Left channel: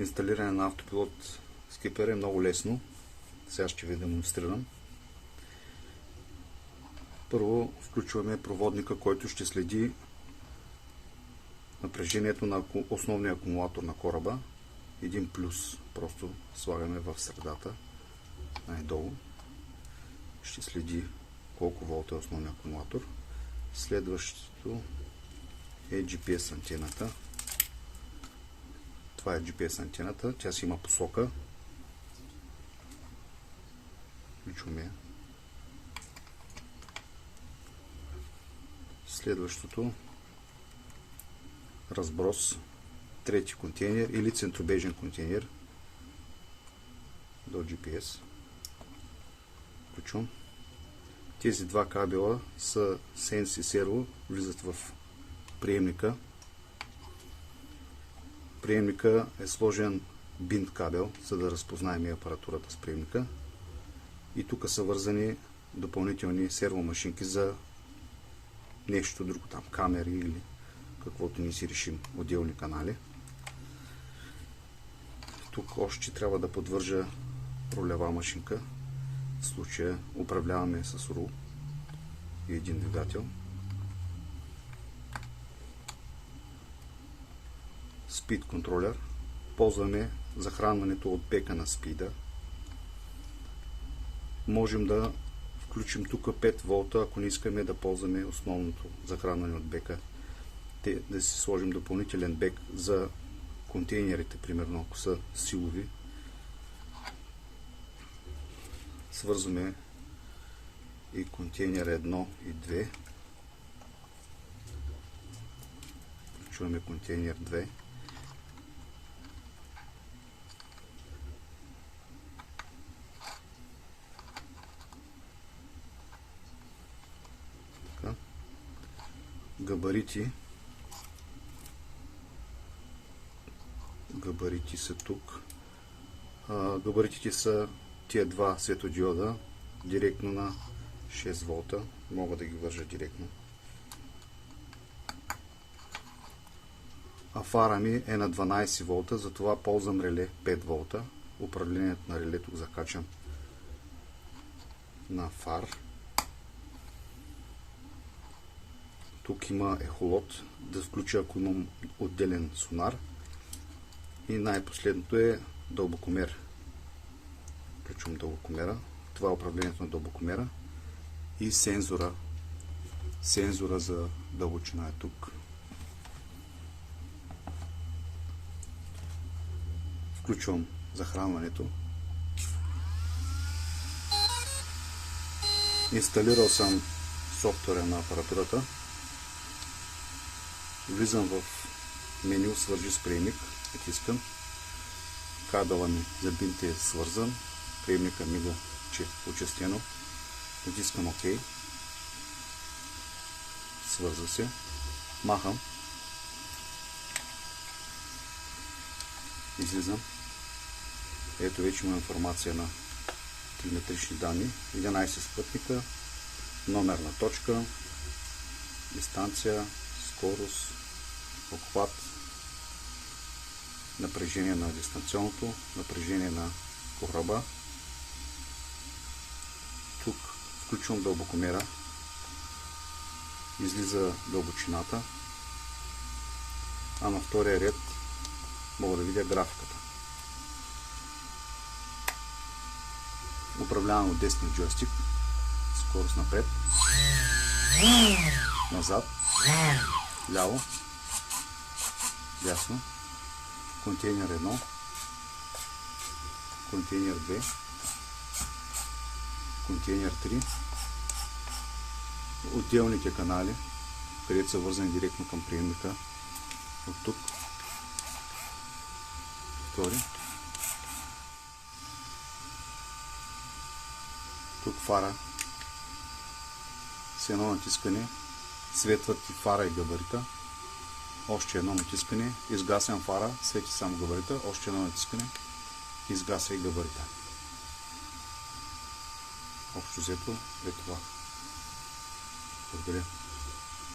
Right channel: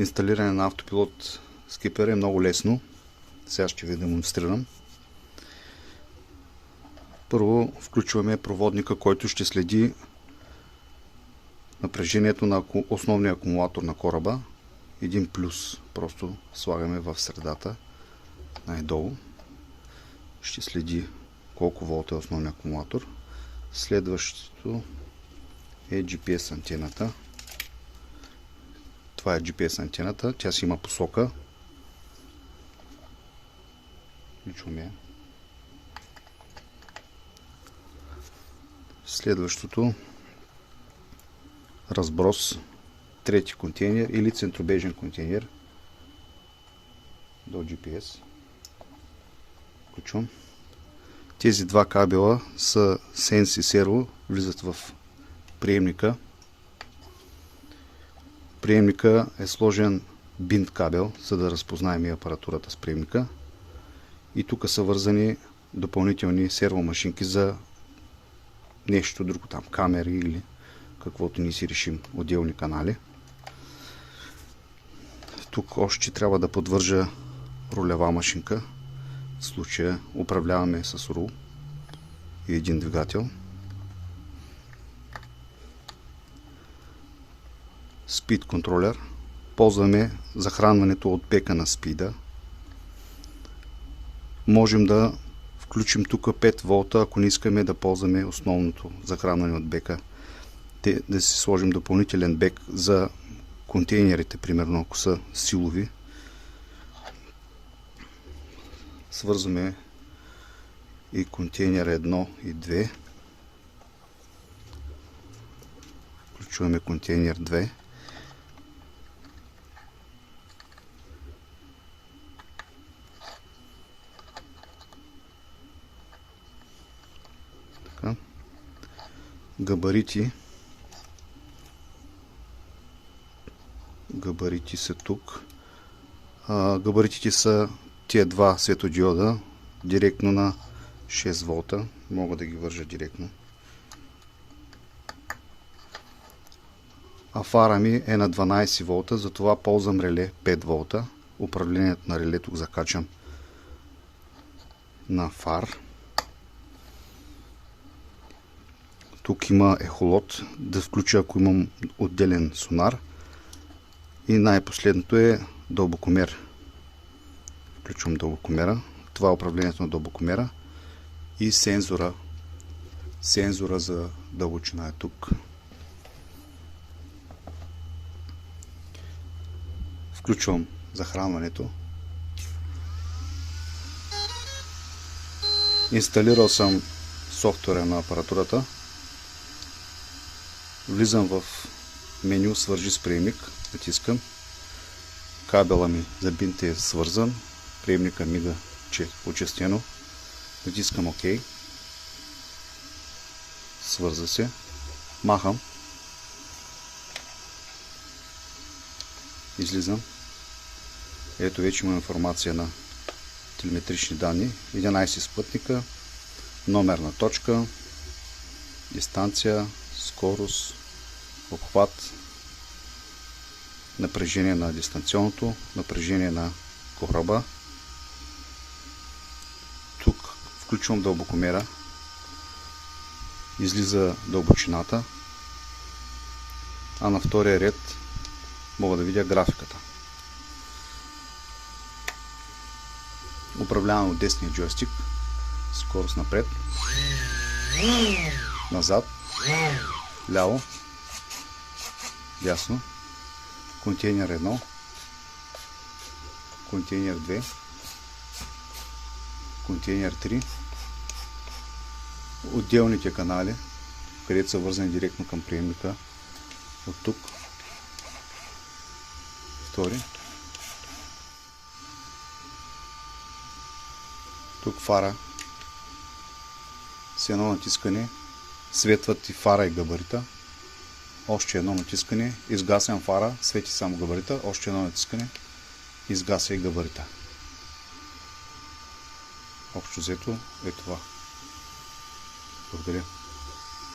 Инсталиране на автопилот скипер е много лесно. Сега ще ви демонстрирам. Първо включваме проводника, който ще следи напрежението на основния акумулатор на кораба. Един плюс просто слагаме в средата, най-долу. Ще следи колко волта е основния акумулатор. Следващото е GPS антената. Това е GPS антената. Тя си има посока. Включваме. Следващото разброс, трети контейнер или центробежен контейнер до GPS. Включвам. Тези два кабела са Sense и Servo, влизат в приемника. Приемника е сложен бинт кабел, за да разпознаем и апаратурата с приемника. И тук са вързани допълнителни сервомашинки за нещо друго, там камери или каквото ни си решим, отделни канали. Тук още трябва да подвържа рулева машинка. В случая управляваме с рул и един двигател. Speed контролер. Ползваме захранването от бека на спида. Можем да включим тук 5 волта, ако не искаме да ползваме основното захранване от бека. Да си сложим допълнителен бек за контейнерите, примерно ако са силови. Свързваме и контейнер 1 и 2. Включваме контейнер 2. Така. Габарити. Габарити са тук. Габаритите са тия два светодиода, директно на 6 волта. Мога да ги вържа директно. А фара ми е на 12 волта, затова ползвам реле 5 волта. Управлението на релето закачам на фар. Тук има ехолот, да включа ако имам отделен сонар. И най-последното е дълбокомер. Включвам дълбокомера. Това е управлението на дълбокомера. И сензора. Сензора за дълбочина е тук. Включвам захранването. Инсталирал съм софтуера на апаратурата. Влизам в меню "Свържи с приемник". Натискам. Кабела ми за бинт е свързан. Приемника мига, че е почестено. Натискам ОК. Свърза се. Махам. Излизам. Ето вече има информация на телеметрични данни. 11 спътника, номерна точка, дистанция, скорост, обхват, напрежение на дистанционното, напрежение на кораба. Тук включвам дълбокомера. Излиза дълбочината. А на втория ред мога да видя графиката. Управлявам от десния джойстик. Скорост напред, назад, ляво, дясно. Контейнер 1, контейнер 2, контейнер 3, отделните канали, където са вързани директно към приемника. От тук втори, тук фара. С едно натискане светват и фара и габарита. Още едно натискане, изгасям фара, свети само габарита. Още едно натискане, изгася и габарита. Общо взето е това. Благодаря.